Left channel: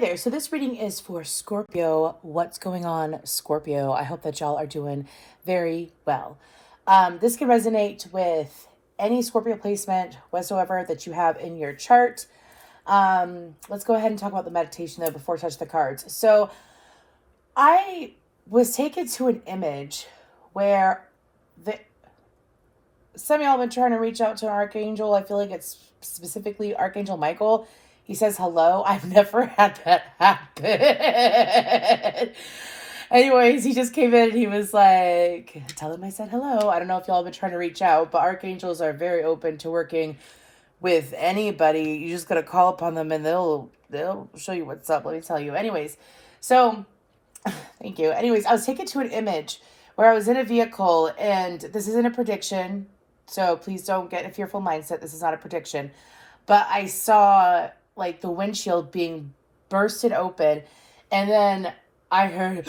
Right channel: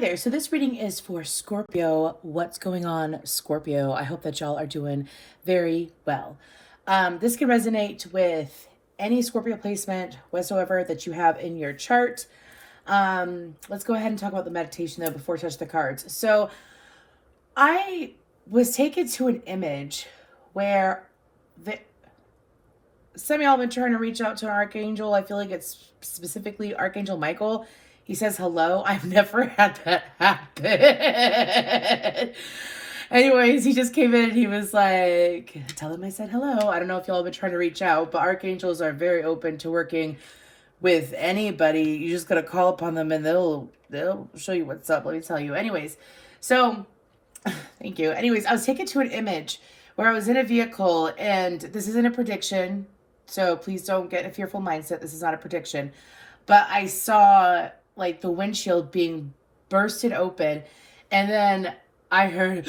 there. So this reading is for Scorpio. What's going on, Scorpio? I hope that y'all are doing very well. This can resonate with any Scorpio placement whatsoever that you have in your chart. Let's go ahead and talk about the meditation though before I touch the cards. So I was taken to an image where some of y'all have been trying to reach out to an archangel. I feel like it's specifically Archangel Michael. He says hello. I've never had that happen. Anyways, he just came in and he was like, tell him I said hello. I don't know if y'all have been trying to reach out, but archangels are very open to working with anybody. You just gotta call upon them and they'll show you what's up. Let me tell you. Anyways, so thank you. Anyways, I was taken to an image where I was in a vehicle, and this isn't a prediction, so please don't get a fearful mindset. This is not a prediction. But I saw like the windshield being bursted open, and then I heard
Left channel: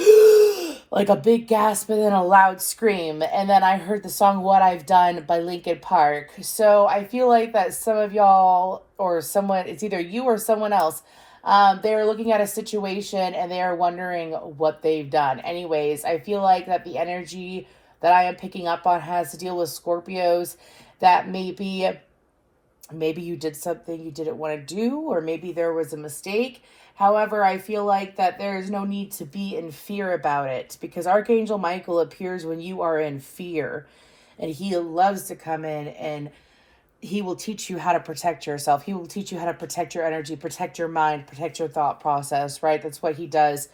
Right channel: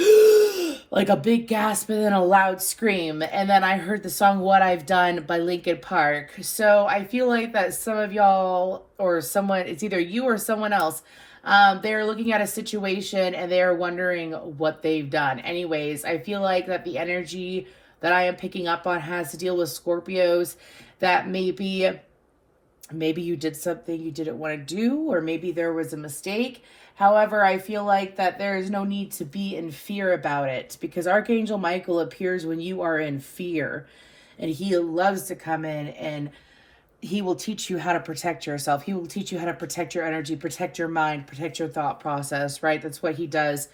like a big gasp and then a loud scream. And then I heard the song What I've Done by Linkin Park. So I feel like that some of y'all or someone, it's either you or someone else, they're looking at a situation and they are wondering what they've done. Anyways, I feel like that the energy that I am picking up on has to deal with Scorpios, that maybe you did something you didn't want to do, or maybe there was a mistake. However, I feel like that there is no need to be in fear about it, because Archangel Michael appears when you are in fear, and he loves to come in and he will teach you how to protect yourself. He will teach you how to protect your energy, protect your mind, protect your thought process, right? That's what he does.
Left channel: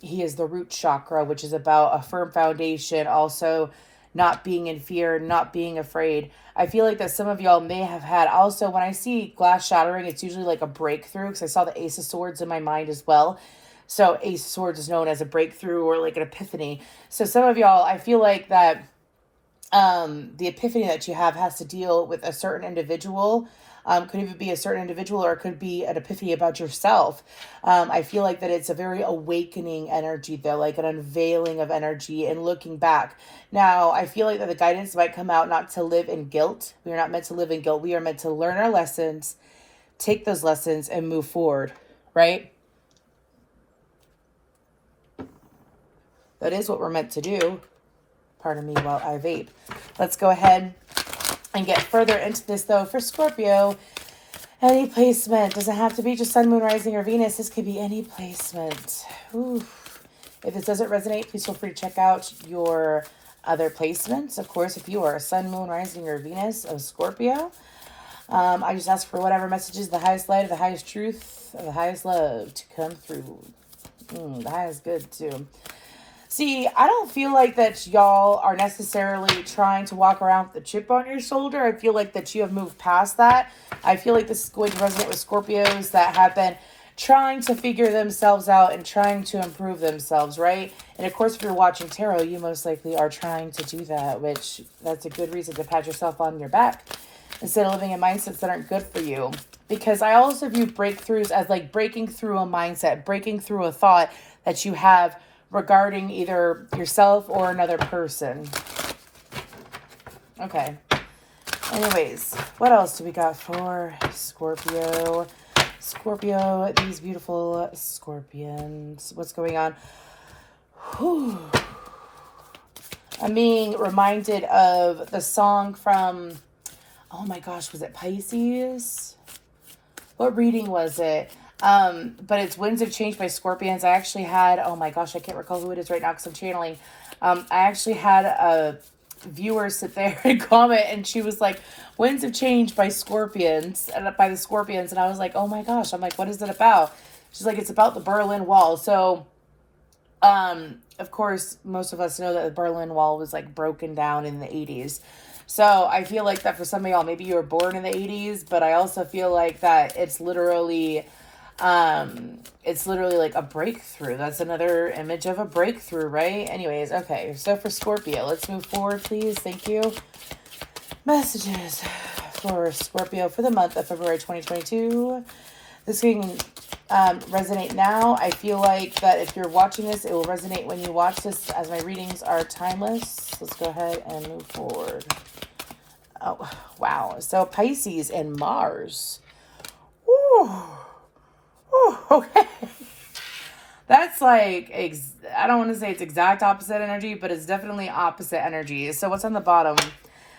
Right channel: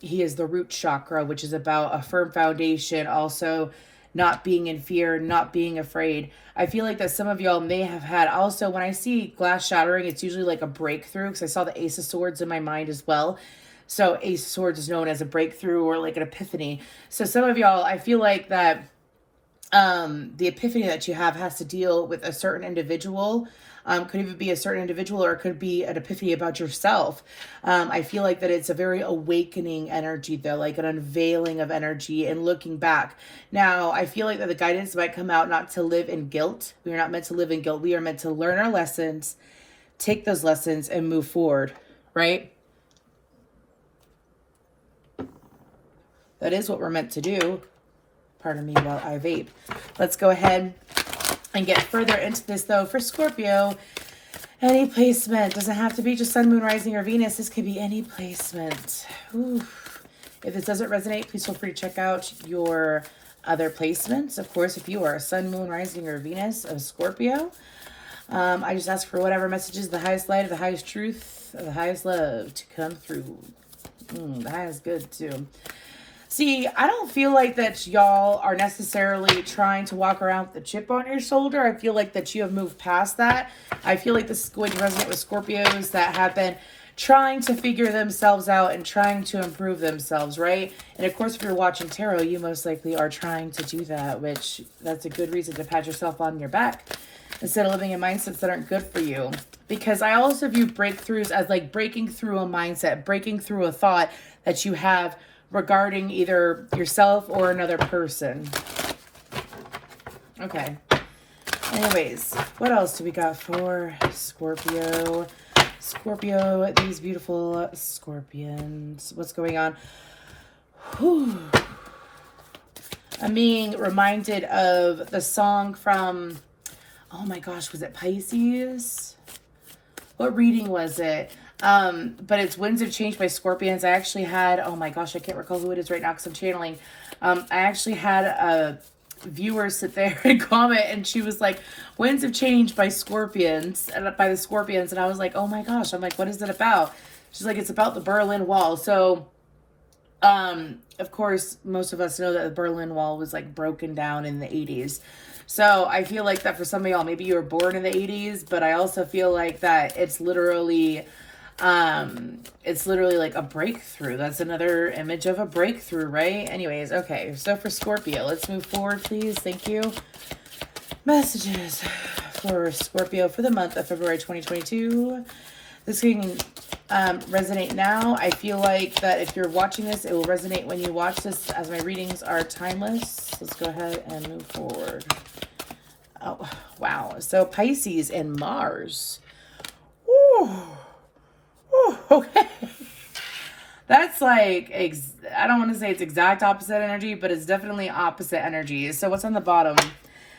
He is the root chakra, which is about a firm foundation, also not being in fear, not being afraid. I feel like that some of y'all may have had, also when I see glass shattering, it's usually like a breakthrough, because I saw the Ace of Swords in my mind as well. So Ace of Swords is known as a breakthrough or like an epiphany. So some of y'all, I feel like that the epiphany that you have has to deal with a certain individual. Could even be a certain individual, or it could be an epiphany about yourself. I feel like that it's a very awakening energy there, like an unveiling of energy and looking back. Now, I feel like that the guidance might come out not to live in guilt. We are not meant to live in guilt. We are meant to learn our lessons, take those lessons, and move forward, right? That is what we're meant to do. Pardon me while I vape. Let's go ahead and get further into this, though. For Scorpio, any placement doesn't have to be just sun, moon, rising, or Venus. This could be any placement. Ooh. If this doesn't resonate, please feel free to check out your other placements. Of course, if you are a sun, moon, rising, or Venus of Scorpio, I just ask for whatever messages, the highest light, the highest truth, the highest love to come through. The highest good, too. See, I don't feel like that y'all are necessarily trying to walk around with a chip on your shoulder. I feel like that you have moved past that. I feel like this is going to resonate with Scorpios that have been trying to figure themselves out and trying to improve themselves, right? And of course, if you're watching tarot, you most likely are trying to do that, which that's a good reason to pat yourself on your back instead of living in mindsets that aren't good for you. Because I also view breakthroughs as like breaking through a mindset, breaking through a thought that you have regarding either yourself or another person. Okay. Anyways, what else do we got for Scorpio? Scorpio, these beautiful scorpions. What's going on? Whew. I'm being reminded of the song from, oh my gosh, was it Pisces? What reading was it? But it's Winds of Change by Scorpions. I actually had, oh my gosh, I can't recall who it is right now because I'm channeling. I actually had a viewer sit there and comment, and she was like, Winds of Change by Scorpions, and by the Scorpions. And I was like, oh my gosh, I'm like, what is it about? She's like, it's about the Berlin Wall. So, of course, most of us know that the Berlin Wall was like broken down in the 80s. So I feel like that for some of y'all, maybe you were born in the 80s, but I also feel like that it's literally like a breakthrough. That's another image of a breakthrough, right? Anyways, okay. So for Scorpio, let's move forward, please. Thank you. Messages for Scorpio for the month of February 2022. This can resonate now. I feel like that if you're watching this, it will resonate when you watch this, as my readings are timeless. Let's go ahead and move forward. Oh, wow. So Pisces and Mars. Ooh. Ooh. Okay. That's like, I don't want to say it's exact opposite energy, but it's definitely opposite energy. So what's on the bottom?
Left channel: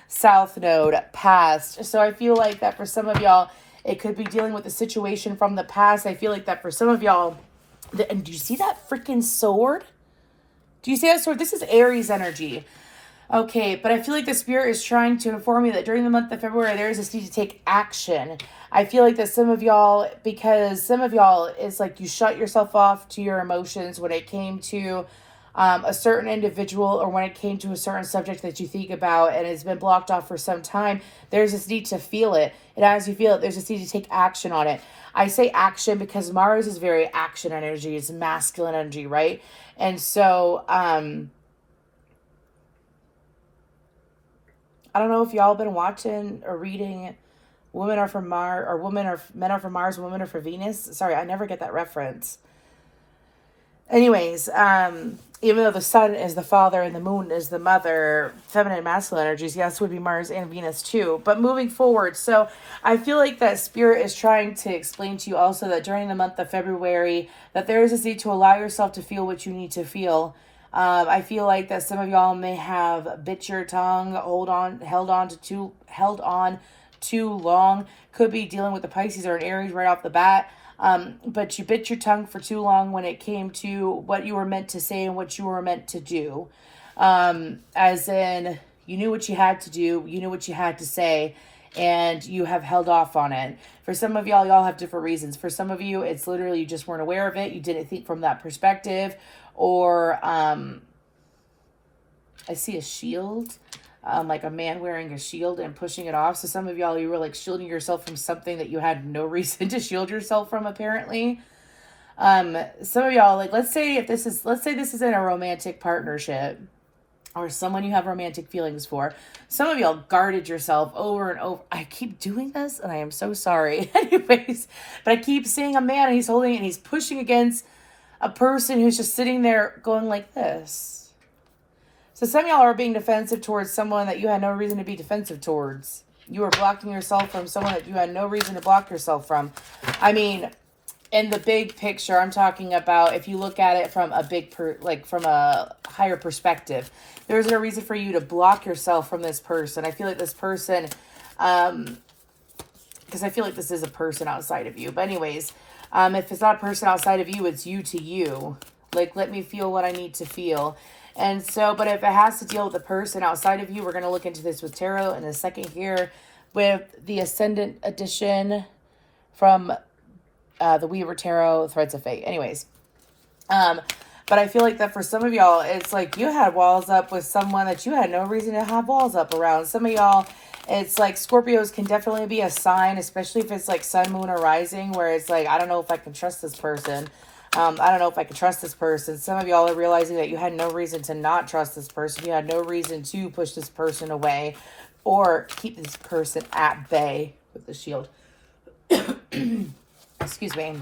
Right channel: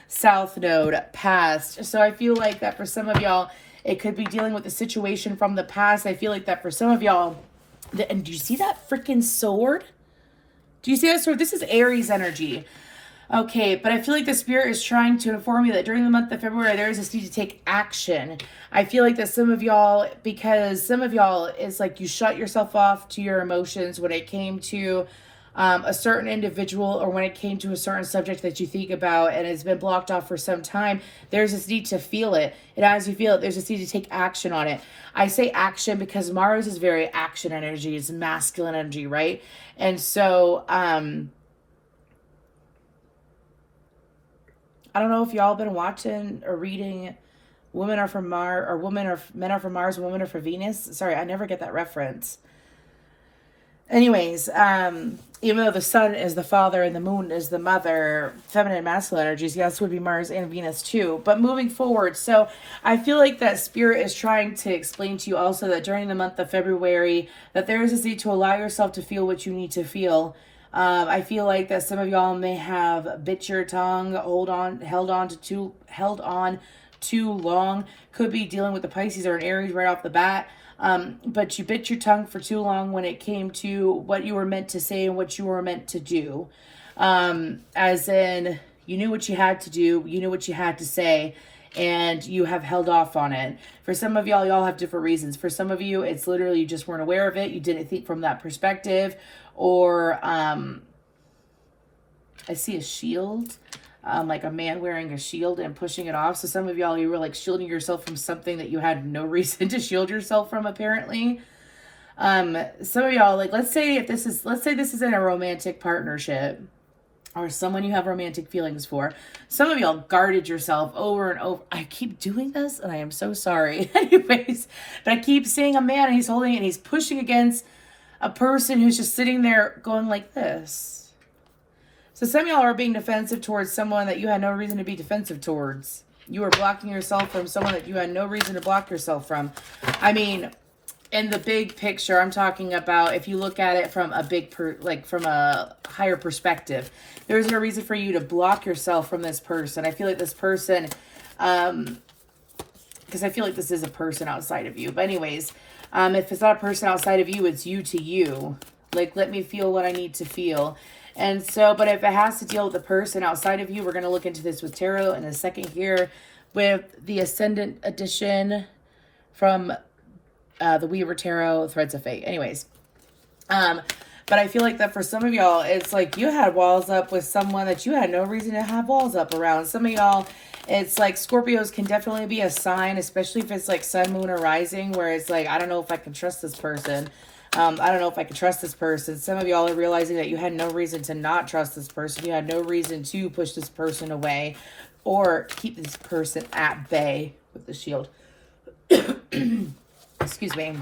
South node, past. So I feel like that for some of y'all, it could be dealing with a situation from the past. I feel like that for some of y'all, and do you see that freaking sword? Do you see that sword? This is Aries energy. Okay, but I feel like the spirit is trying to inform you that during the month of February, there is this need to take action. I feel like that some of y'all, because some of y'all, it's like you shut yourself off to your emotions when it came to a certain individual or when it came to a certain subject that you think about and it's been blocked off for some time. There's this need to feel it. And as you feel it, there's this need to take action on it. I say action because Mars is very action energy. It's masculine energy, right? And so, I don't know if y'all been watching or reading Women Are From Mars, or Men Are From Mars, Women Are From Venus. Sorry, I never get that reference. Anyways, even though the sun is the father and the moon is the mother, feminine and masculine energies, yes, would be Mars and Venus too. But moving forward, so I feel like that spirit is trying to explain to you also that during the month of February, that there is a need to allow yourself to feel what you need to feel. I feel like that some of y'all may have bit your tongue, held on too long. Could be dealing with the Pisces or an Aries right off the bat. But you bit your tongue for too long when it came to what you were meant to say and what you were meant to do. As in, you knew what you had to do, you knew what you had to say, and you have held off on it. For some of y'all have different reasons. For some of you, it's literally you just weren't aware of it. You didn't think from that perspective. Or I see a shield, like a man wearing a shield and pushing it off. So some of y'all, you were like shielding yourself from something that you had no reason to shield yourself from, apparently. Some of y'all, like, let's say this is in a romantic partnership or someone you have romantic feelings for. Some of y'all guarded yourself over and over. I keep doing this and I am so sorry. Anyways, but I keep seeing a man and he's holding it and he's pushing against a person who's just sitting there going like this. So some of y'all are being defensive towards someone that you had no reason to be defensive towards. You were blocking yourself from someone that you had no reason to block yourself from. I mean, in the big picture, I'm talking about if you look at it from a from a higher perspective, there's no reason for you to block yourself from this person. I feel like this person, because I feel like this is a person outside of you. But anyways, if it's not a person outside of you, it's you to you. Like, let me feel what I need to feel. And so, but if it has to deal with a person outside of you, we're going to look into this with tarot in a second here with the Ascendant edition from the Weaver Tarot, Threads of Fate. Anyways, but I feel like that for some of y'all, it's like you had walls up with someone that you had no reason to have walls up around. Some of y'all, it's like Scorpios can definitely be a sign, especially if it's like sun, moon, or rising, where it's like, I don't know if I can trust this person. I don't know if I can trust this person. Some of y'all are realizing that you had no reason to not trust this person. You had no reason to push this person away or keep this person at bay with the shield. Excuse me.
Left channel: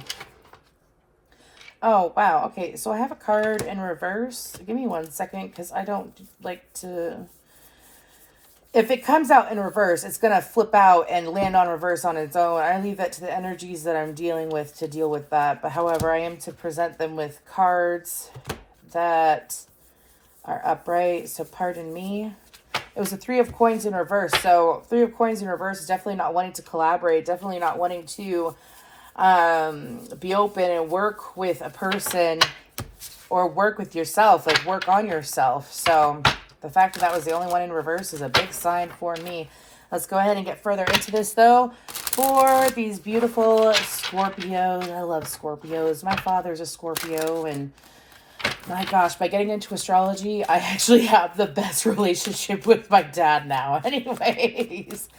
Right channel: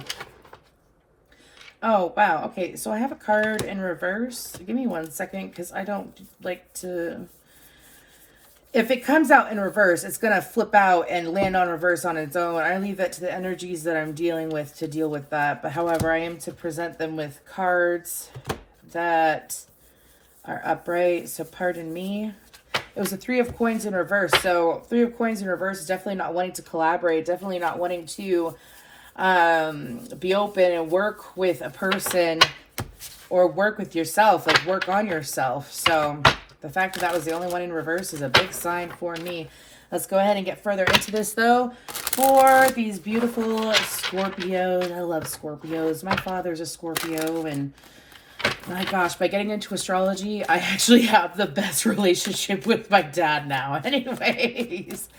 Oh, wow. Okay, so I have a card in reverse. Give me 1 second because I don't like to... If it comes out in reverse, it's going to flip out and land on reverse on its own. I leave that to the energies that I'm dealing with to deal with that. But however, I am to present them with cards that are upright. So pardon me. It was a 3 of coins in reverse. So 3 of coins in reverse is definitely not wanting to collaborate. Definitely not wanting to be open and work with a person or work with yourself. Like work on yourself. So... the fact that that was the only one in reverse is a big sign for me. Let's go ahead and get further into this, though, for these beautiful Scorpios. I love Scorpios. My father's a Scorpio, and my gosh, by getting into astrology, I actually have the best relationship with my dad now. Anyways,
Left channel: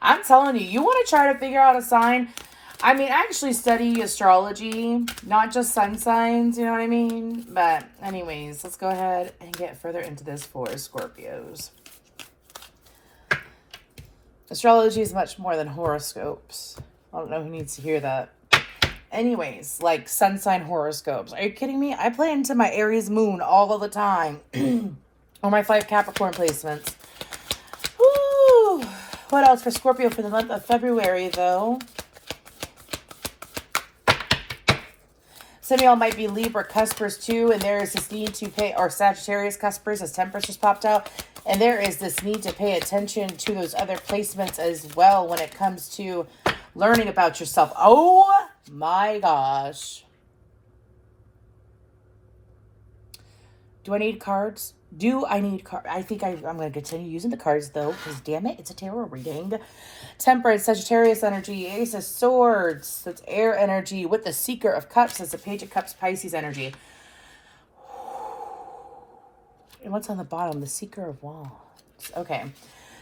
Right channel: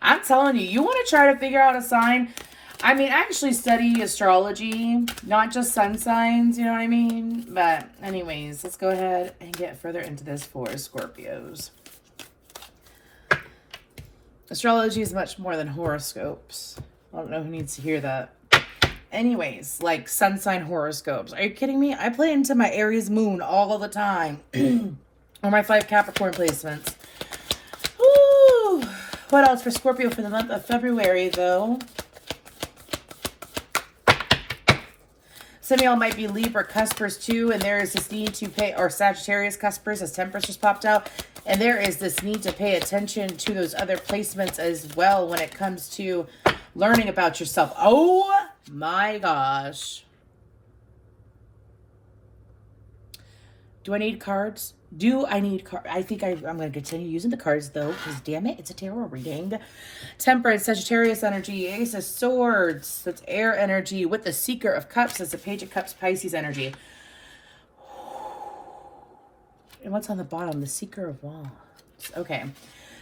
I'm telling you, you want to try to figure out a sign? I mean, I actually study astrology, not just sun signs, you know what I mean? But anyways, let's go ahead and get further into this for Scorpios. Astrology is much more than horoscopes. I don't know who needs to hear that. Anyways, like sun sign horoscopes. Are you kidding me? I play into my Aries moon all the time. Or my 5 Capricorn placements. Woo! What else for Scorpio for the month of February, though? some of y'all might be Libra cuspers too, and there is this need to pay, or Sagittarius cuspers, as Temperance just popped out, and there is this need to pay attention to those other placements as well when it comes to learning about yourself. Oh my gosh. Do I need cards? Do I need cards? I think I'm going to continue using the cards, though, because damn it, it's a tarot reading. Temperance, Sagittarius energy, Ace of Swords, that's air energy, with the Seeker of Cups, that's the Page of Cups, Pisces energy. And what's on the bottom? The Seeker of Wands. Okay.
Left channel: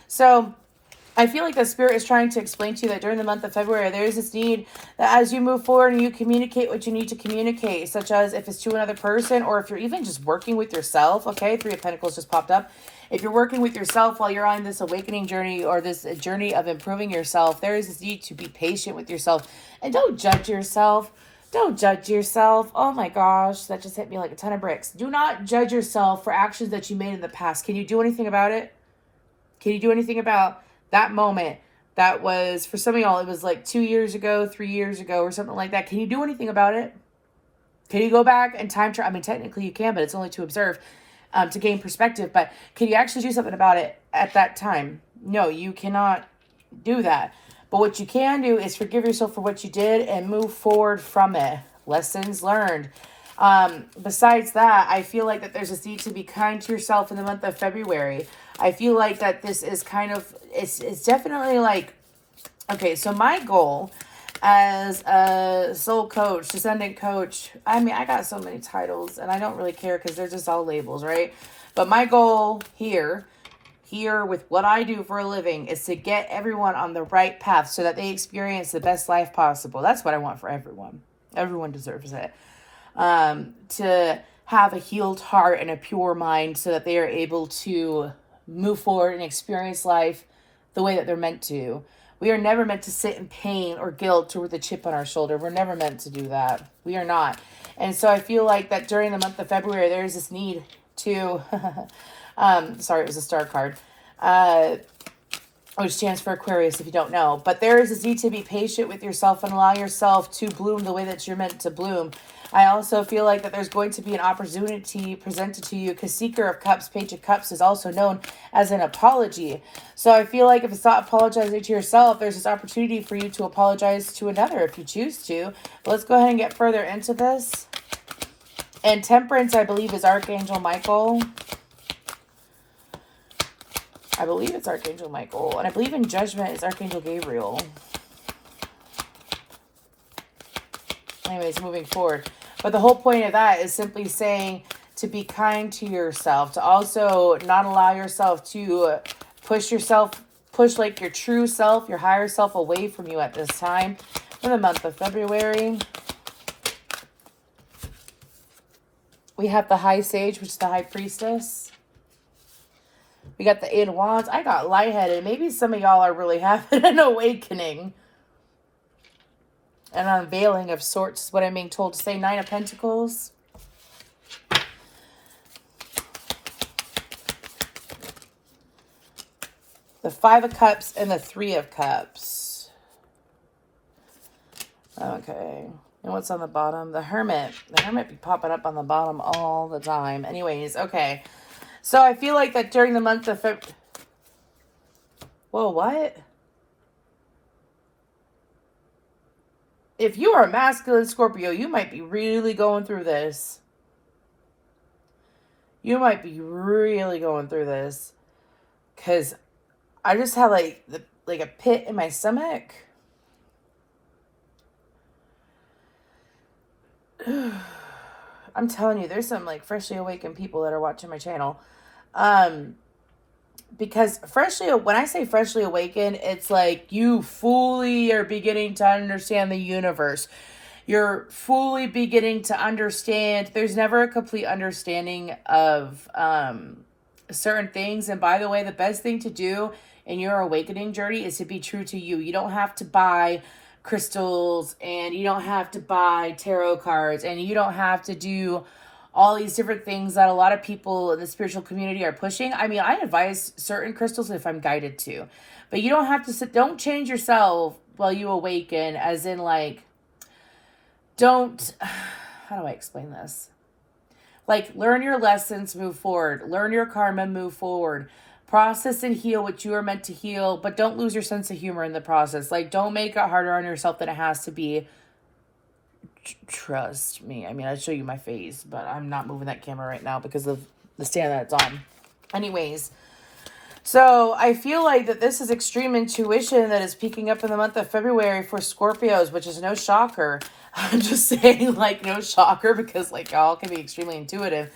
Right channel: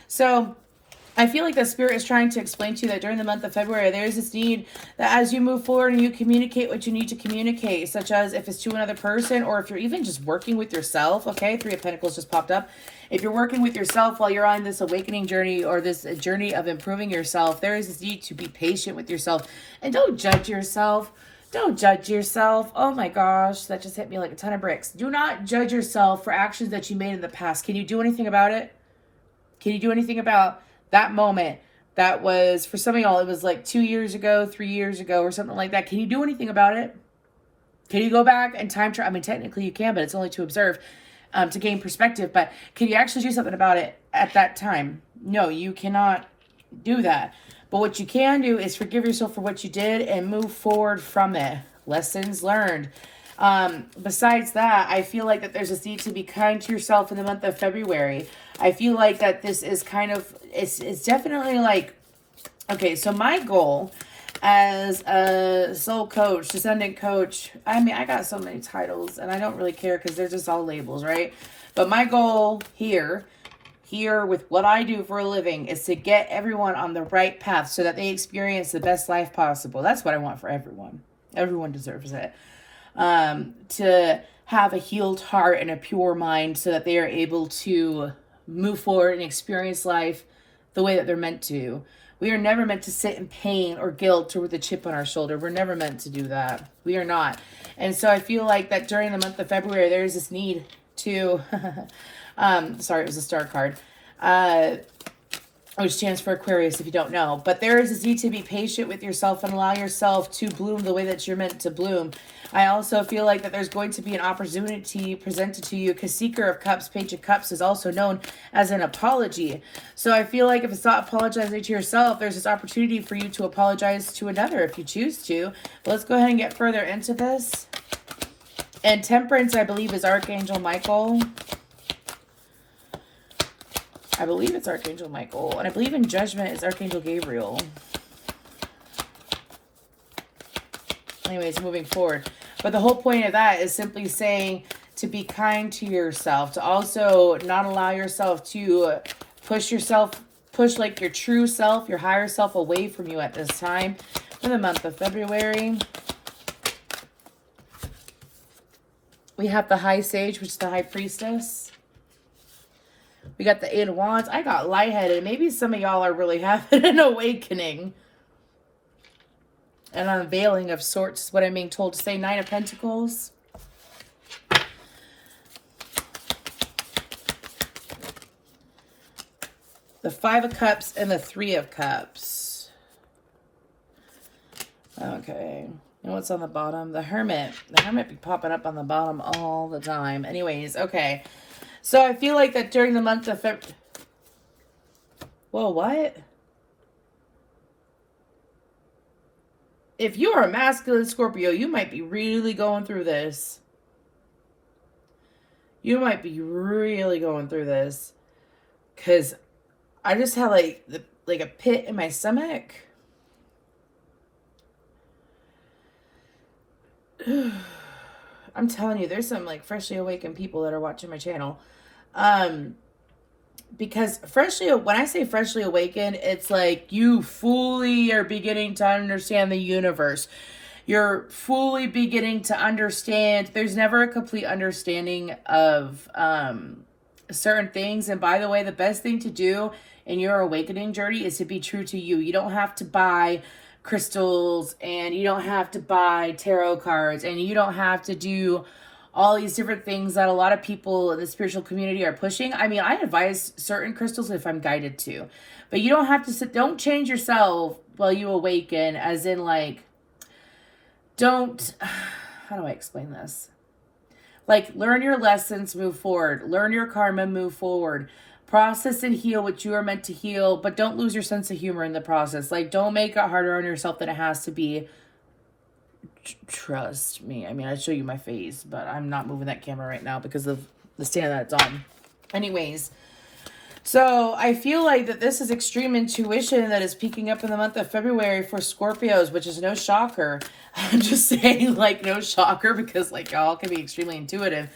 So I feel like the Spirit is trying to explain to you that during the month of February, there is this need that as you move forward and you communicate what you need to communicate, such as if it's to another person or if you're even just working with yourself, okay? Three of Pentacles just popped up. If you're working with yourself while you're on this awakening journey or this journey of improving yourself, there is this need to be patient with yourself. And don't judge yourself. Don't judge yourself. Oh my gosh, that just hit me like a ton of bricks. Do not judge yourself for actions that you made in the past. Can you do anything about it? Can you do anything about that moment? That was, for some of y'all, it was like 2 years ago, 3 years ago, or something like that. Can you do anything about it? Can you go back and time travel? I mean, technically you can, but it's only to observe, to gain perspective. But can you actually do something about it at that time? No, you cannot do that. But what you can do is forgive yourself for what you did and move forward from it. Lessons learned. Besides that, I feel like that there's a need to be kind to yourself in the month of February. I feel like that this is kind of, it's definitely like, okay, so my goal as a soul coach, descendant coach, I mean, I got so many titles and I don't really care because they're just all labels, right? But my goal here with what I do for a living is to get everyone on the right path so that they experience the best life possible. That's what I want for everyone. Everyone deserves it. To have a healed heart and a pure mind so that they are able to move forward and experience life the way that they're meant to. We are never meant to sit in pain or guilt or with a chip on our shoulder. We're never meant to do that. We are not. And so I feel like that during the month of February, there is this need to, sorry, it was a star card, which stands for Aquarius if you don't know. But there is this need to be patient with yourself and allow yourself to bloom the way that you're meant to bloom. I also feel like that there's going to be an opportunity presented to you because Seeker of Cups, Page of Cups is also known as an apology. So I feel like if it's not apologizing to yourself, there's this opportunity for you to apologize to another if you choose to. But let's go ahead and get further into this. And Temperance, I believe, is Archangel Michael. I believe it's Archangel Michael. And I believe in Judgment is Archangel Gabriel. Anyways, moving forward. But the whole point of that is simply saying to be kind to yourself. To also not allow yourself to push like your true self, your higher self away from you at this time. For the month of February. We have the High Sage, which is the High Priestess. We got the Eight of Wands. I got lightheaded. Maybe some of y'all are really having an awakening. An unveiling of sorts is what I'm being told to say. Nine of Pentacles. The Five of Cups and the Three of Cups. Okay. And what's on the bottom? The Hermit. The Hermit be popping up on the bottom all the time. Anyways, okay. So I feel like that during the month of February. Whoa, what? If you are a masculine Scorpio, you might be really going through this. You might be really going through this. Because I just had like a pit in my stomach. I'm telling you, there's some like freshly awakened people that are watching my channel. Because when I say freshly awakened, it's like you fully are beginning to understand the universe. You're fully beginning to understand. There's never a complete understanding of certain things. And by the way, the best thing to do in your awakening journey is to be true to you. You don't have to buy crystals and you don't have to buy tarot cards and you don't have to do all these different things that a lot of people in the spiritual community are pushing. I mean, I advise certain crystals if I'm guided to, but you don't have to don't change yourself while you awaken, as in like, don't, how do I explain this? Like, learn your lessons, move forward. Learn your karma, move forward. Process and heal what you are meant to heal, but don't lose your sense of humor in the process. Like, don't make it harder on yourself than it has to be. Trust me. I mean, I'd show you my face, but I'm not moving that camera right now because of the stand that it's on. Anyways, so I feel like that this is extreme intuition that is peaking up in the month of February for Scorpios, which is no shocker. I'm just saying, like, no shocker, because, like, y'all can be extremely intuitive.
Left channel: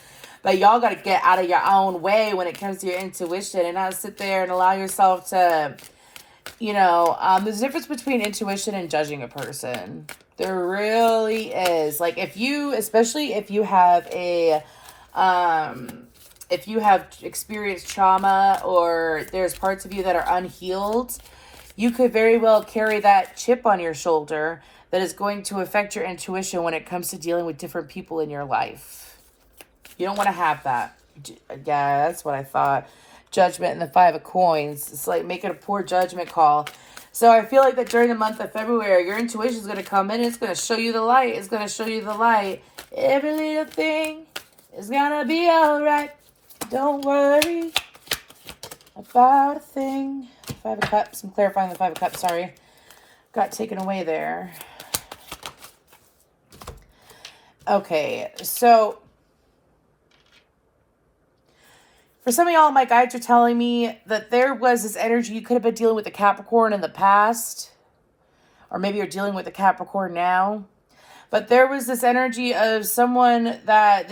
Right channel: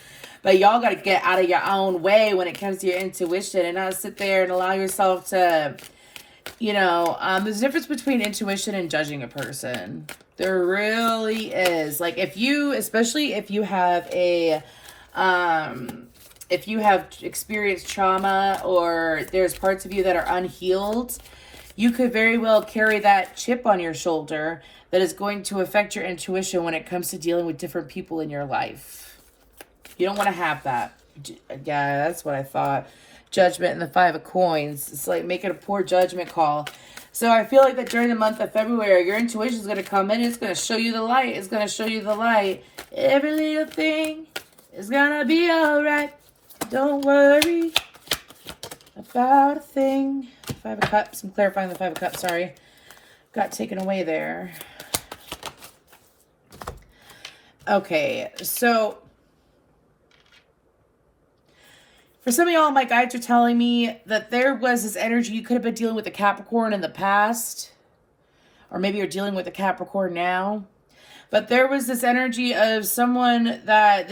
But y'all got to get out of your own way when it comes to your intuition and not sit there and allow yourself to, you know, there's a difference between intuition and judging a person. There really is. Like, if you, especially if you have if you have experienced trauma or there's parts of you that are unhealed, you could very well carry that chip on your shoulder that is going to affect your intuition when it comes to dealing with different people in your life. You don't want to have that. Yeah, that's what I thought. Judgment and the 5 of coins. It's like making a poor judgment call. So I feel like that during the month of February, your intuition is going to come in. It's going to show you the light. It's going to show you the light. Every little thing is going to be all right. Don't worry about a thing. 5 of Cups. I'm clarifying the 5 of Cups. Sorry. Got taken away there. Okay. So for some of y'all, my guides are telling me that there was this energy. You could have been dealing with a Capricorn in the past. Or maybe you're dealing with a Capricorn now. But there was this energy of someone that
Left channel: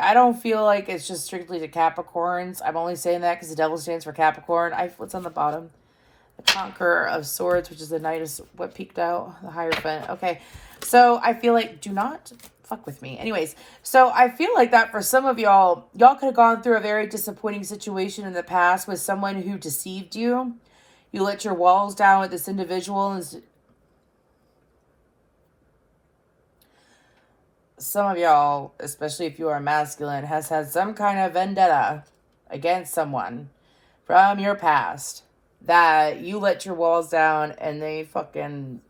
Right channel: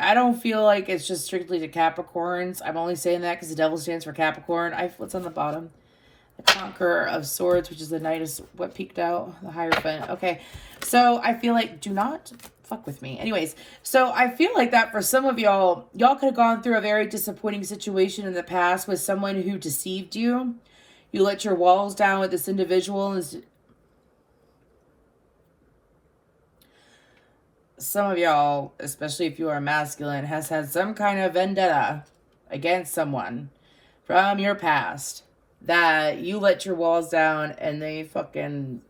I don't feel like it's just strictly to Capricorns. I'm only saying that because the devil stands for Capricorn. What's on the bottom? The Conqueror of Swords, which is the Knight of what peeked out, the Hierophant. Okay, so I feel like, do not fuck with me. Anyways, so I feel like that for some of y'all could have gone through a very disappointing situation in the past with someone who deceived you. You let your walls down with this individual. Some of y'all, especially if you are masculine, has had some kind of vendetta against someone from your past that you let your walls down and they fucking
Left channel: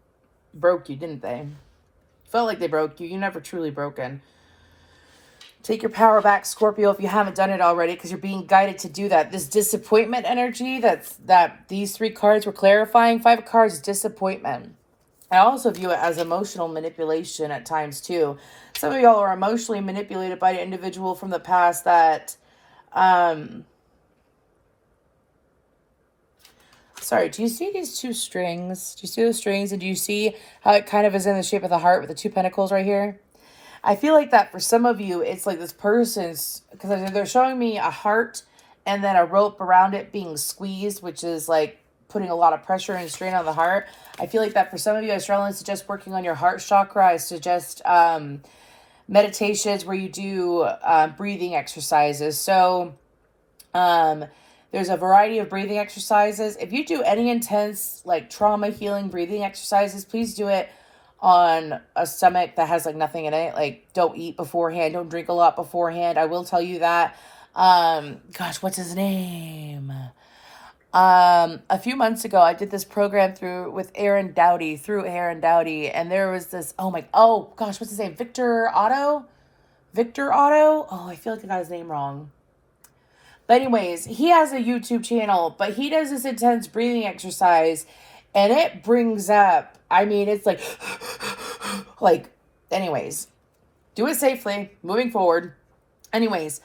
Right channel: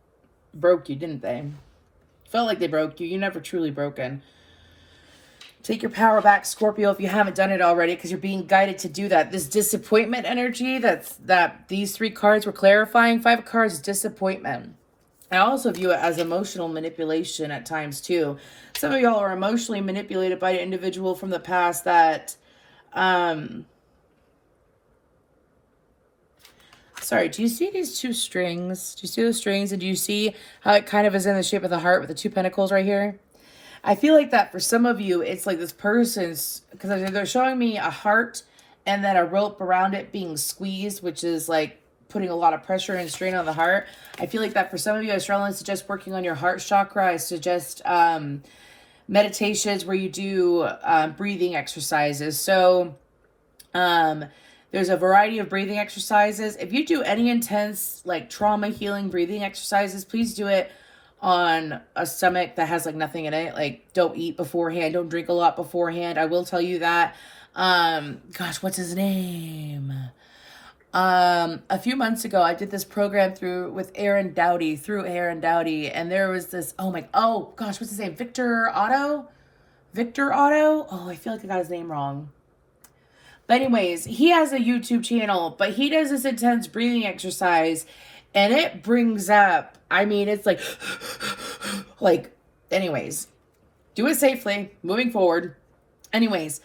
broke you, didn't they? Felt like they broke you. You're never truly broken. Take your power back, Scorpio, if you haven't done it already, because you're being guided to do that. This disappointment energy that these 3 cards were clarifying. 5 cards, disappointment. I also view it as emotional manipulation at times too. Some of y'all are emotionally manipulated by an individual from the past that, sorry, do you see these 2 strings? Do you see those strings? And do you see how it kind of is in the shape of the heart with the 2 pentacles right here? I feel like that for some of you, it's like this person's, because they're showing me a heart and then a rope around it being squeezed, which is like putting a lot of pressure and strain on the heart. I feel like that for some of you, I strongly suggest working on your heart chakra. I suggest meditations where you do breathing exercises. So there's a variety of breathing exercises. If you do any intense like trauma healing breathing exercises, please do it on a stomach that has like nothing in it. Like, don't eat beforehand. Don't drink a lot beforehand. I will tell you that. Gosh, what's his name? A few months ago, I did this program through Aaron Dowdy, and there was this, oh gosh, what's his name? Victor Otto? Oh, I feel like I got his name wrong. But anyways, he has a YouTube channel, but he does this intense breathing exercise, and it brings up, it's like, anyways, do it safely, moving forward. Anyways,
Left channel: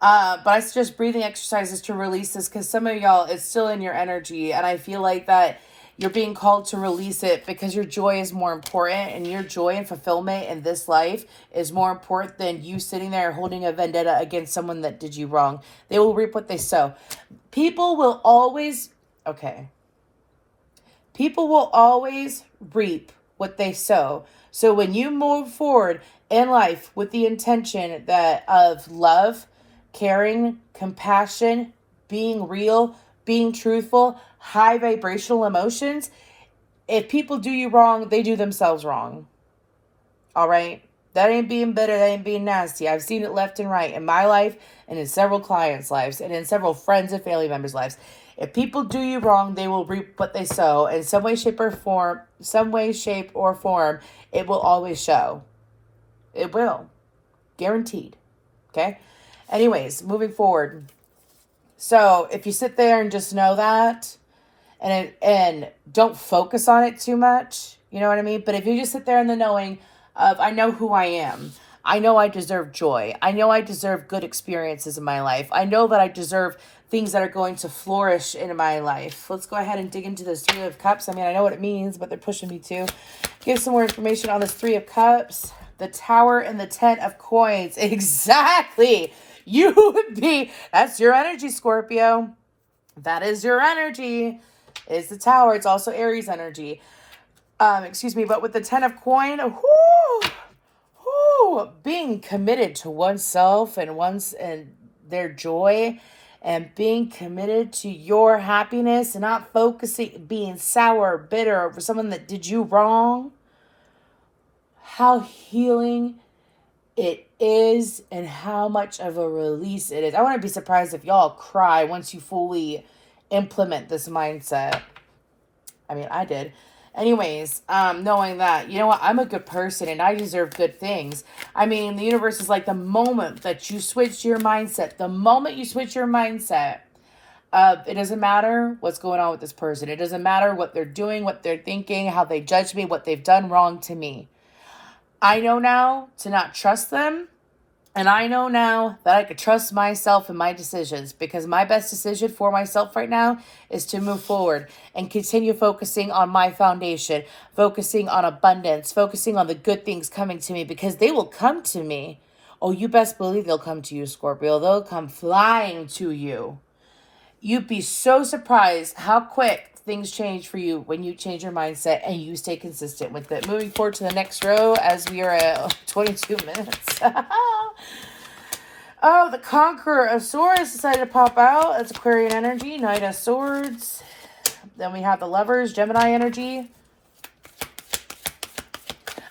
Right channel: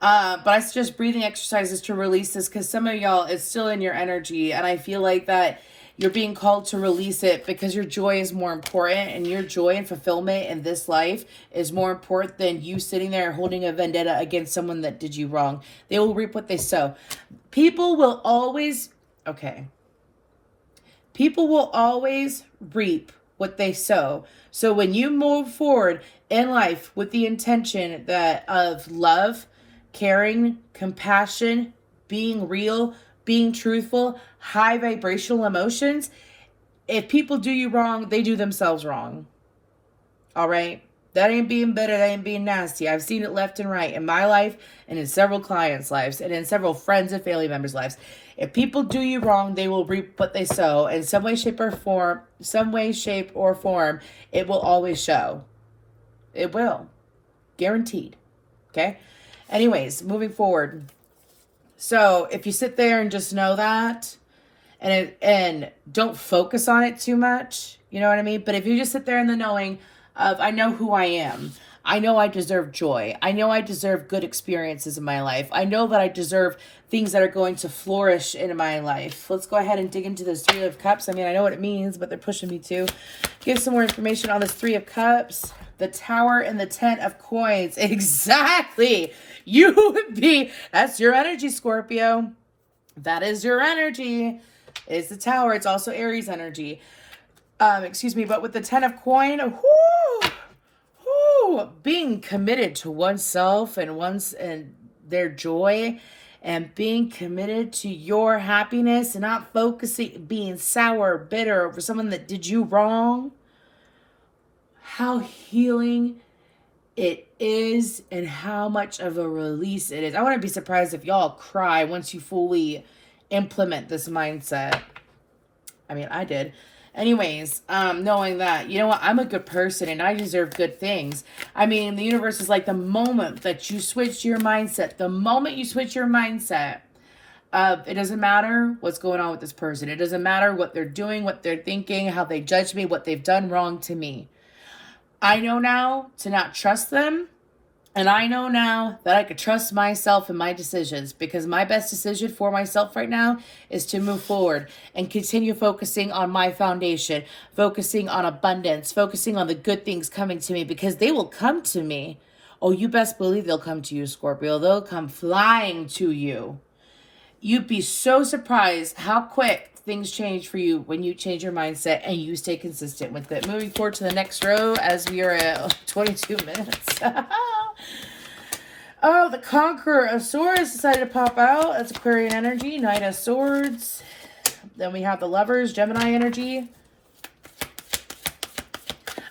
but I suggest breathing exercises to release this, because some of y'all, it's still in your energy, and I feel like that you're being called to release it because your joy is more important, and your joy and fulfillment in this life is more important than you sitting there holding a vendetta against someone that did you wrong. They will reap what they sow. People will always reap what they sow. So when you move forward in life with the intention of love, caring, compassion, being real, being truthful, high vibrational emotions, if people do you wrong, they do themselves wrong. All right? That ain't being bitter. That ain't being nasty. I've seen it left and right in my life and in several clients' lives and in several friends and family members' lives. If people do you wrong, they will reap what they sow. In some way, shape, or form, it will always show. It will. Guaranteed. Okay? Anyways, moving forward. So if you sit there and just know that, and don't focus on it too much, you know what I mean? But if you just sit there in the knowing of, I know who I am. I know I deserve joy. I know I deserve good experiences in my life. I know that I deserve things that are going to flourish in my life. Let's go ahead and dig into this Three of Cups. I mean, I know what it means, but they're pushing me to give some more information on this Three of Cups, the Tower, and the Ten of Coins. Exactly. You would be, that's your energy, Scorpio. That is your energy. It's the Tower. It's also Aries energy. Excuse me, but with the Ten of Coin, being committed to oneself and their joy, and being committed to your happiness, and not focusing, being sour, bitter over someone that did you wrong. How healing it is, and how much of a release it is. I wouldn't be surprised if y'all cry once you fully implement this mindset. I mean, I did. Anyways, knowing that, you know what, I'm a good person and I deserve good things. I mean, the universe is like, the moment that you switch your mindset, it doesn't matter what's going on with this person. It doesn't matter what they're doing, what they're thinking, how they judge me, what they've done wrong to me. I know now to not trust them. And I know now that I could trust myself and my decisions, because my best decision for myself right now is to move forward and continue focusing on my foundation, focusing on abundance, focusing on the good things coming to me, because they will come to me. Oh, you best believe they'll come to you, Scorpio. They'll come flying to you. You'd be so surprised how quick things change for you when you change your mindset and you stay consistent with it. Moving forward to the next row, as we are at 22 minutes. Oh, the Conqueror of Swords decided to pop out. It's Aquarian energy. Knight of Swords. Then we have the Lovers, Gemini energy.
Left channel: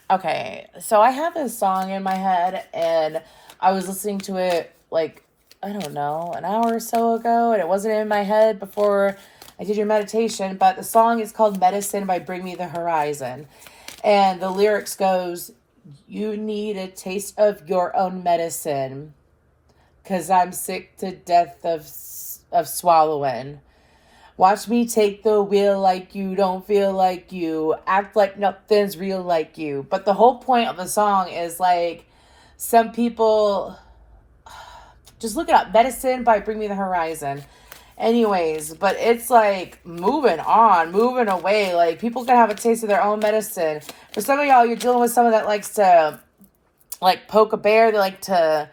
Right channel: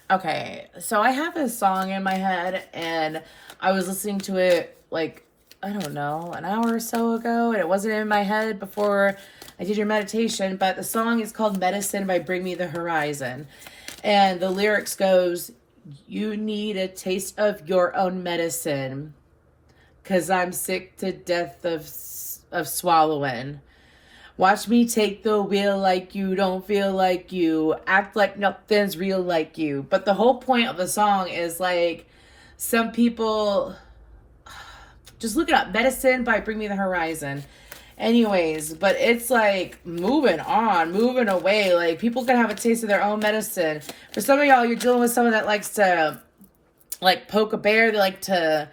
Okay, so I have this song in my head, and I was listening to it, like, I don't know, an hour or so ago, and it wasn't in my head before I did your meditation, but the song is called Medicine by Bring Me the Horizon. And the lyrics goes, you need a taste of your own medicine, 'cause I'm sick to death of swallowing. Watch me take the wheel like you don't feel like you. Act like nothing's real like you. But the whole point of the song is like, some people, just look it up. Medicine by Bring Me the Horizon. Anyways, but it's like moving on, moving away. Like, people can have a taste of their own medicine. For some of y'all, you're dealing with someone that likes to like poke a bear. They like to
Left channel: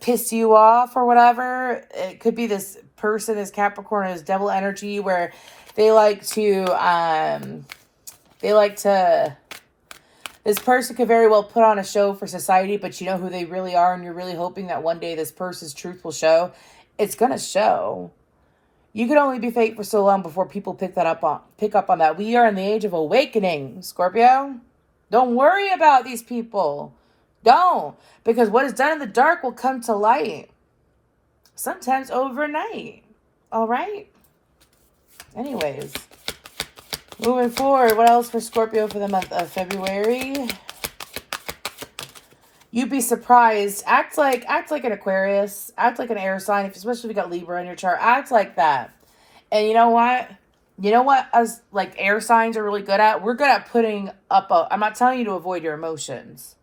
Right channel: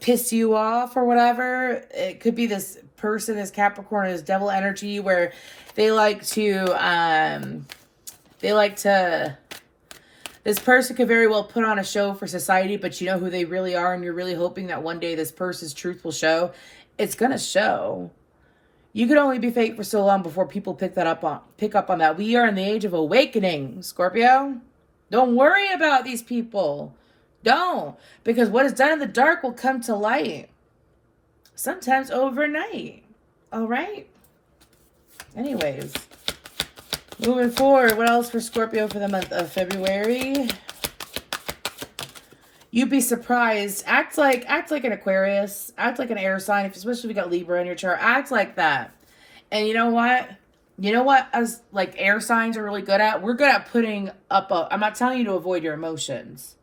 piss you off or whatever. It could be this person, this Capricorn, this devil energy, where they like to, this person could very well put on a show for society, but you know who they really are, and you're really hoping that one day this person's truth will show. It's gonna show. You can only be fake for so long before people pick up on that. We are in the age of awakening, Scorpio. Don't worry about these people. Don't. Because what is done in the dark will come to light. Sometimes overnight. All right? Anyways. Moving forward, what else for Scorpio for the month of February? You'd be surprised. Act like an Aquarius. Act like an air sign, especially if you got Libra in your chart. Act like that. And you know what? You know what as like air signs are really good at? We're good at putting up I'm not telling you to avoid your emotions.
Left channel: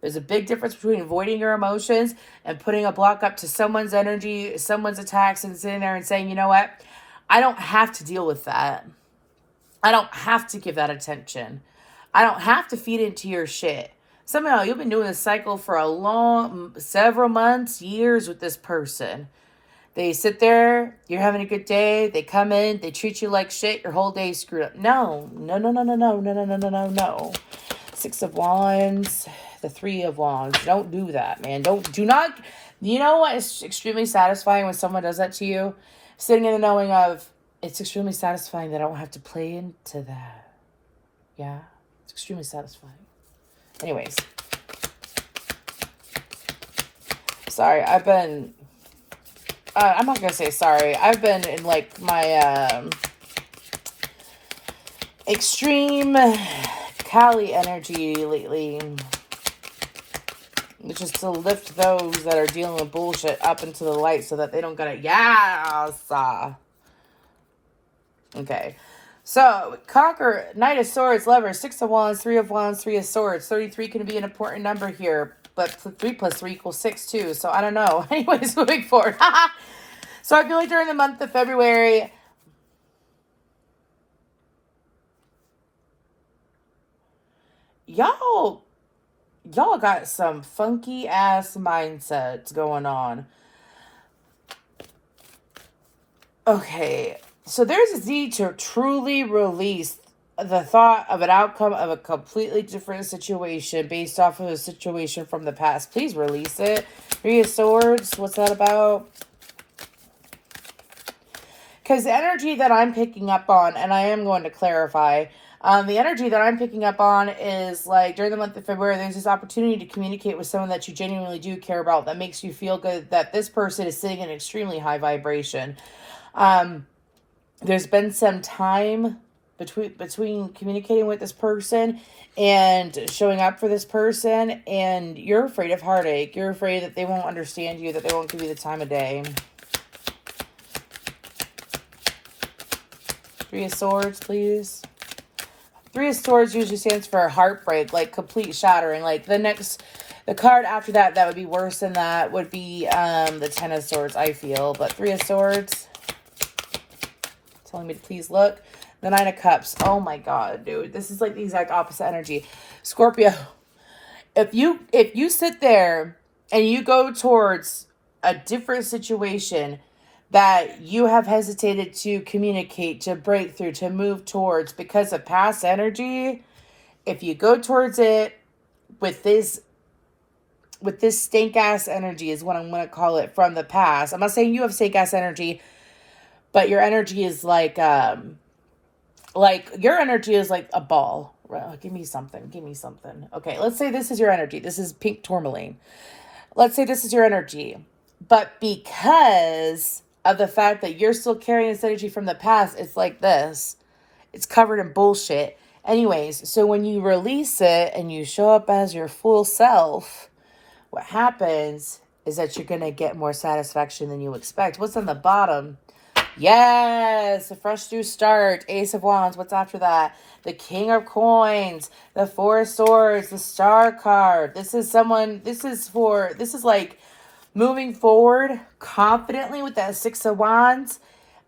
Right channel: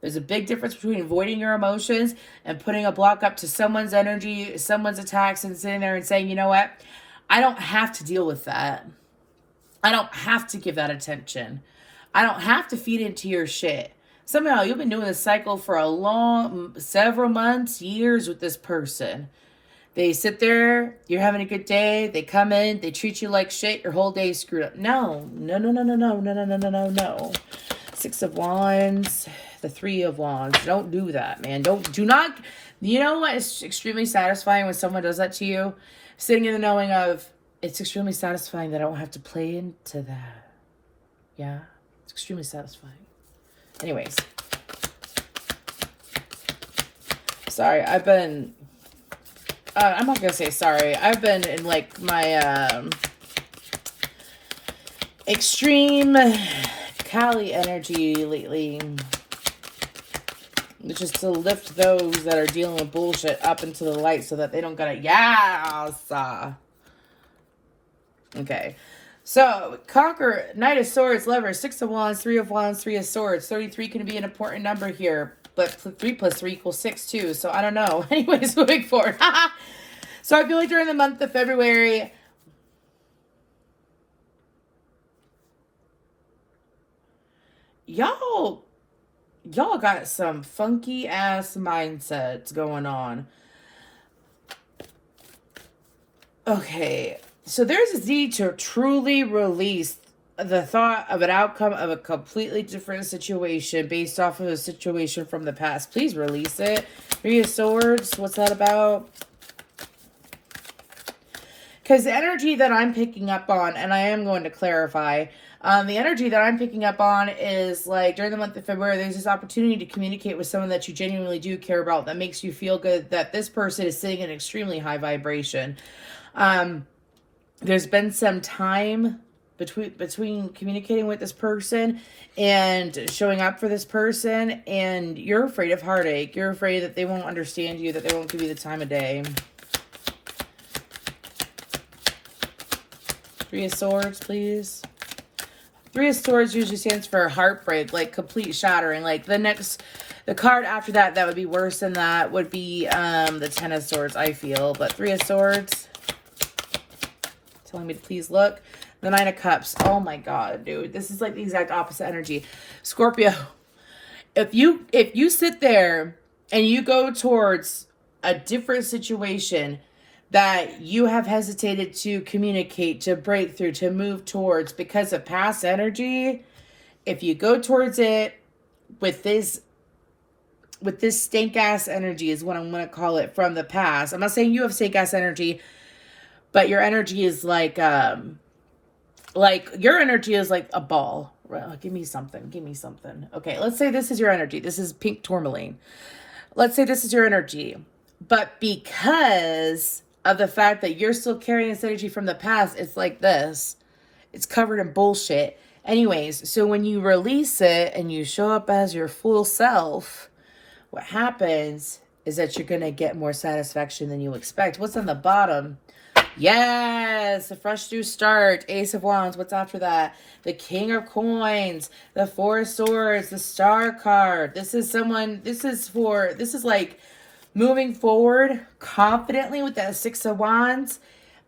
There's a big difference between avoiding your emotions and putting a block up to someone's energy, someone's attacks, and sitting there and saying, you know what? I don't have to deal with that. I don't have to give that attention. I don't have to feed into your shit. Some of y'all, you've been doing this cycle for several months, years with this person. They sit there, you're having a good day, they come in, they treat you like shit, your whole day is screwed up. No. Six of Wands, the Three of Wands. Don't do that, man. Do not, you know what is extremely satisfying when someone does that to you? Sitting in the knowing of, it's extremely satisfying that I don't have to play into that. Yeah, it's extremely satisfying. Anyways. Sorry, I'm not going to say sorry. I've been in like my extreme Kali energy lately. It's just to lift those that are dealing with bullshit up into the light so that they don't get it. Yes! Okay. So, conquer, Knight of Swords, Lover, Six of Wands, Three of Wands, Three of Swords. 33 can be an important number here, but 3 plus 3 equals 6 too. So, I don't know. Anyways, moving forward. So, I feel like during the month of February, y'all got some funky ass mindsets going on. Okay, so there's a need to truly release the thought of an outcome of a completely different situation based off of a situation from the past. Please release it. Three of Swords, what's that about? Because the energy that I'm picking up on, and I am going to clarify, the energy that I'm picking up on is like during the month of February, there's this opportunity to communicate with someone that you genuinely do care about, that makes you feel good, that this person is sitting in extremely high vibration. There's been some time between communicating with this person and showing up for this person, and you're afraid of heartache. You're afraid that they won't understand you, that they won't give you the time of day. Three of Swords, please. Three of Swords usually stands for heartbreak, like complete shattering. Like the card after that would be worse than that would be the Ten of Swords, I feel. But Three of Swords, telling me to please look. The Nine of Cups. Oh my God, dude. This is like the exact opposite energy. Scorpio, if you sit there and you go towards a different situation that you have hesitated to communicate, to break through, to move towards because of past energy, if you go towards it with this stink ass energy is what I'm going to call it from the past. I'm not saying you have stink ass energy, but your energy is like your energy is like a ball. Right? Give me something. Okay, let's say this is your energy. This is pink tourmaline. Let's say this is your energy. But because of the fact that you're still carrying this energy from the past, it's like this. It's covered in bullshit. Anyways, so when you release it and you show up as your full self, what happens is that you're going to get more satisfaction than you expect. What's on the bottom? Yes, a fresh new start. Ace of Wands. What's after that? The King of Coins, the Four of Swords, the Star card. This is like moving forward confidently with that Six of Wands.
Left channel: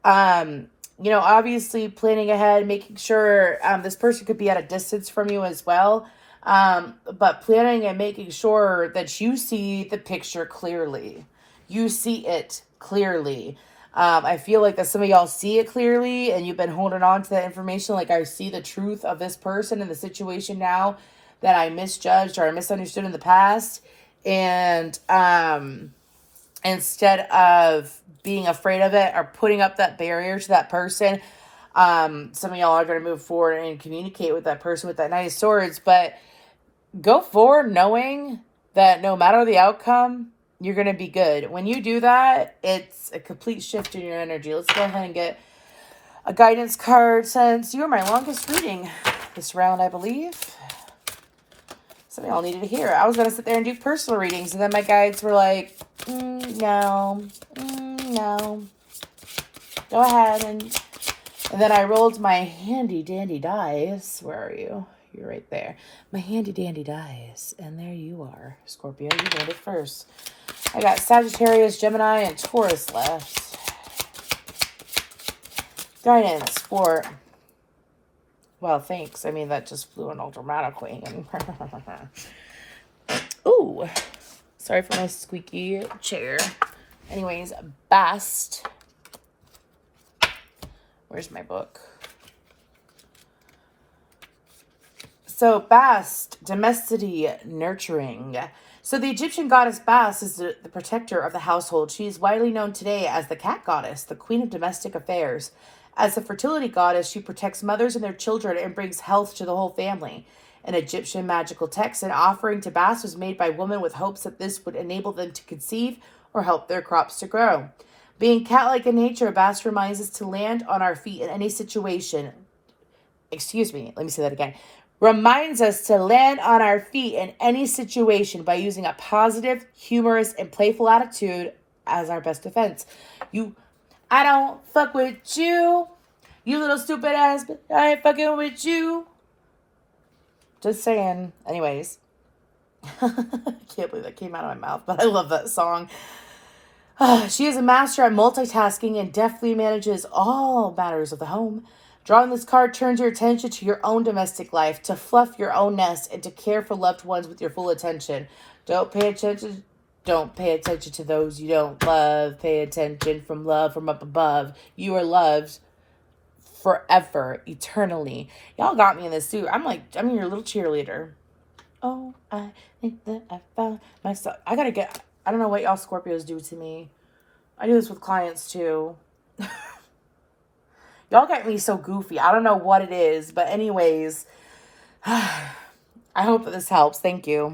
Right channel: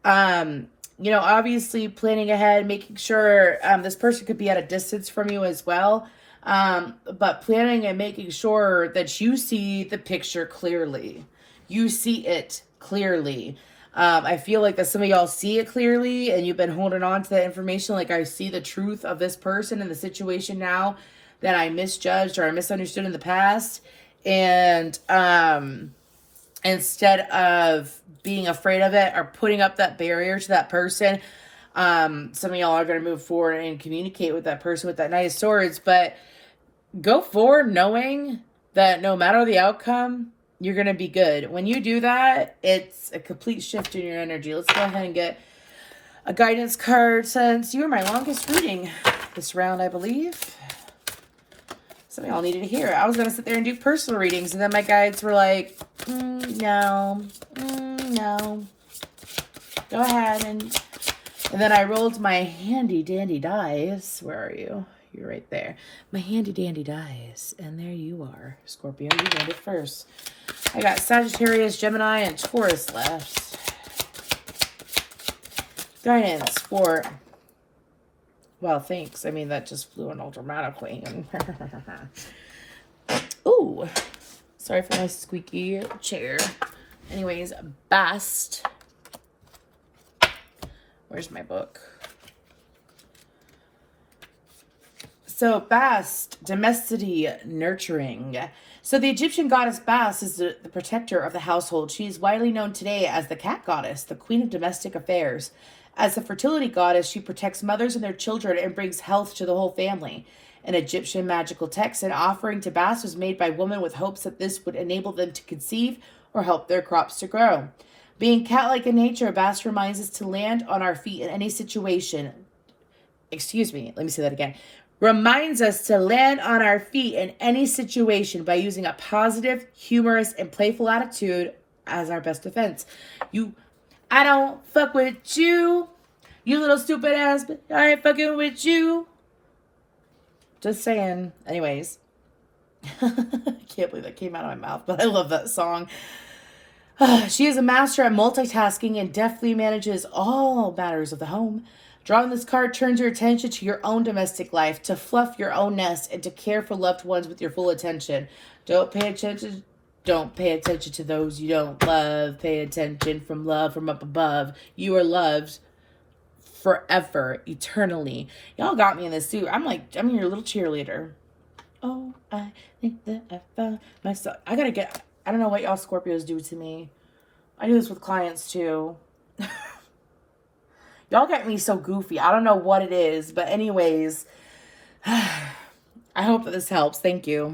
Obviously planning ahead, making sure this person could be at a distance from you as well. But planning and making sure that you see the picture clearly. You see it clearly. I feel like that some of y'all see it clearly and you've been holding on to that information. Like, I see the truth of this person and the situation now that I misjudged or I misunderstood in the past. And instead of being afraid of it or putting up that barrier to that person, some of y'all are going to move forward and communicate with that person with that Knight of Swords. But go forward knowing that no matter the outcome, you're going to be good. When you do that, it's a complete shift in your energy. Let's go ahead and get a guidance card, since you were my longest reading this round, I believe. Some of y'all needed to hear it. I was going to sit there and do personal readings, and then my guides were like, no. Go ahead. And then I rolled my handy dandy dice. Where are you? You're right there. My handy dandy dice. And there you are, Scorpio. You did it first. I got Sagittarius, Gemini, and Taurus left. Guidance for... Well, thanks. I mean, that just flew in all dramatically. Ooh. Sorry for my squeaky chair. Anyways, best. Where's my book? So, Bast, domesticity, nurturing. So, the Egyptian goddess Bast is the protector of the household. She is widely known today as the cat goddess, the queen of domestic affairs. As a fertility goddess, she protects mothers and their children and brings health to the whole family. In Egyptian magical texts, an offering to Bast was made by women with hopes that this would enable them to conceive or help their crops to grow. Being cat-like in nature, Bast reminds us to land on our feet in any situation. Excuse me, let me say that again. reminds us to land on our feet in any situation by using a positive, humorous, and playful attitude as our best defense. I don't fuck with you. You little stupid ass, I ain't fucking with you. Just saying. Anyways. I can't believe that came out of my mouth, but I love that song. She is a master at multitasking and deftly manages all matters of the home. Drawing this card turns your attention to your own domestic life, to fluff your own nest, and to care for loved ones with your full attention. Don't pay attention to those you don't love. Pay attention from love from up above. You are loved forever, eternally. Y'all got me in this suit. I'm your little cheerleader. Oh, I think that I found myself. I don't know what y'all Scorpios do to me. I do this with clients too. Y'all get me so goofy. I don't know what it is. But anyways, I hope that this helps. Thank you.